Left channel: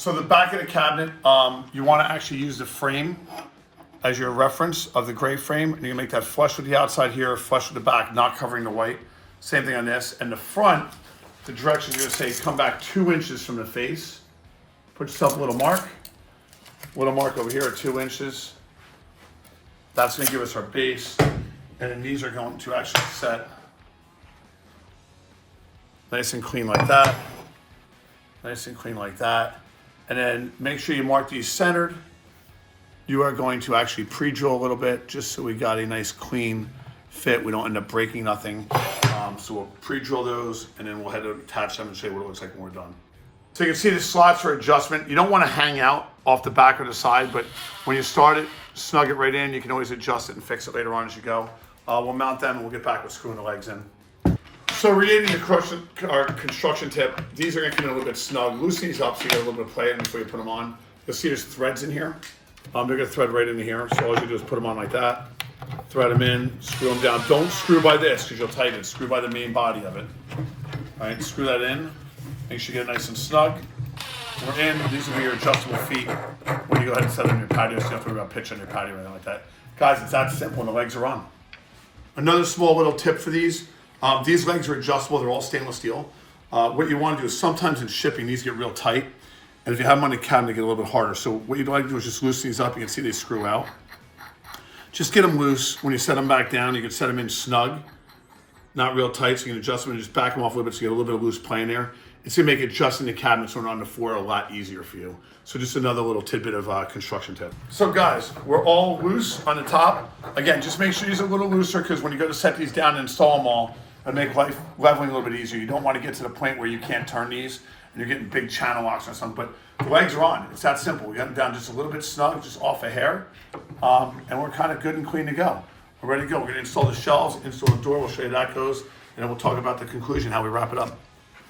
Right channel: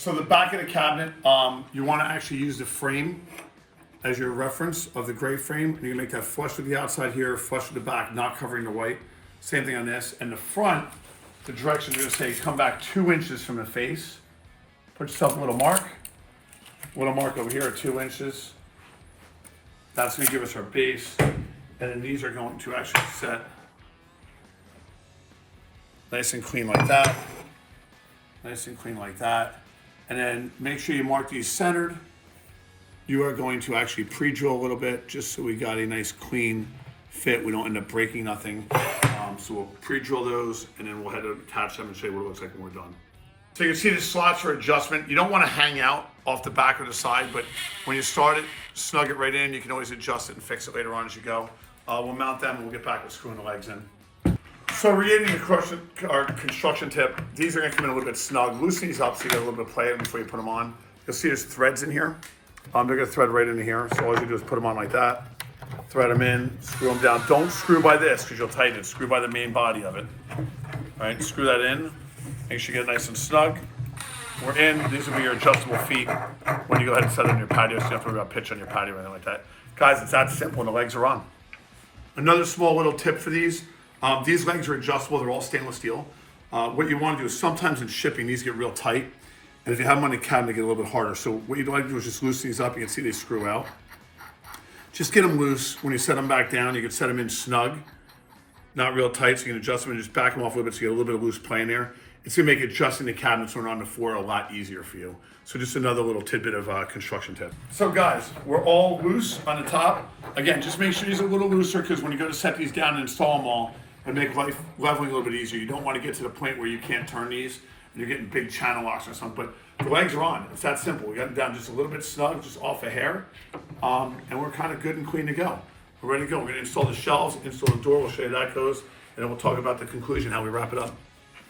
So the back of the cabinet, you want to actually use the frame as your reference of the gray frame. And you can make that flush with the outside here, flush with the back, not covering the white. Same thing on this. And the front, the directions are going to say come back 2 inches from the face. Put yourself a little mark over here at 2 inches. That's going to give us our base. And then these are going to actually set nice and clean like that. Nice and clean like that. And then make sure you mark these centered. You are going to actually pre-drill a little bit just so we got a nice clean fit. We don't end up breaking nothing. So we'll pre-drill those and then we'll head to attach them and show you what it looks like when we're done. So you can see the slots for adjustment. You don't want to hang out off the back or the side, but when you start it, snug it right in. You can always adjust it and fix it later on as you go. We'll mount them and we'll get back with screwing the legs in. So regarding our construction tip, these are going to come in a little bit snug. Loosen these up so you get a little bit of play in before you put them on. You'll see there's threads in here. They're going to thread right into here. So all you do is put them on like that. Thread them in, screw them down. Don't screw by this because you'll tighten it. Screw by the main body of it. All right, screw that in. Make sure you get it nice and snug. We're in. These will be your adjustable feet when you go ahead and set them in your patio so you don't have to worry about pitch on your patio or anything like that. Guys, it's that simple and the legs are on. Another small little tip for these legs are adjustable. They're all stainless steel. What you want to do is sometimes in shipping, these get real tight. And if you have them on the cabinet, they get a little bit harder. So what you'd like to do is just loosen these up. You can see they screw out. Just get them loose. When you set them back down, you can set them in snug, not real tight. So you can adjust them and just back them off a little bit so you get a little bit of loose play in there. It's going to make adjusting the cabinets when on the floor a lot easier for you. So just another little tidbit of construction tip. So guys, we're all loose on the top. Again, just make sure these are a little looser because when you go to set these down and install them all, and make life leveling a little bit easier. You don't want to get to the point where you can't turn these and you're getting big channel locks or something, but the legs are on. It's that simple. We got them down just a little bit snug, just off a hair, and we're kind of good and clean to go. We're ready to go. We're going to install the shelves, install the door. We'll show you how that goes, and then we'll talk about the conclusion, how we wrap it up.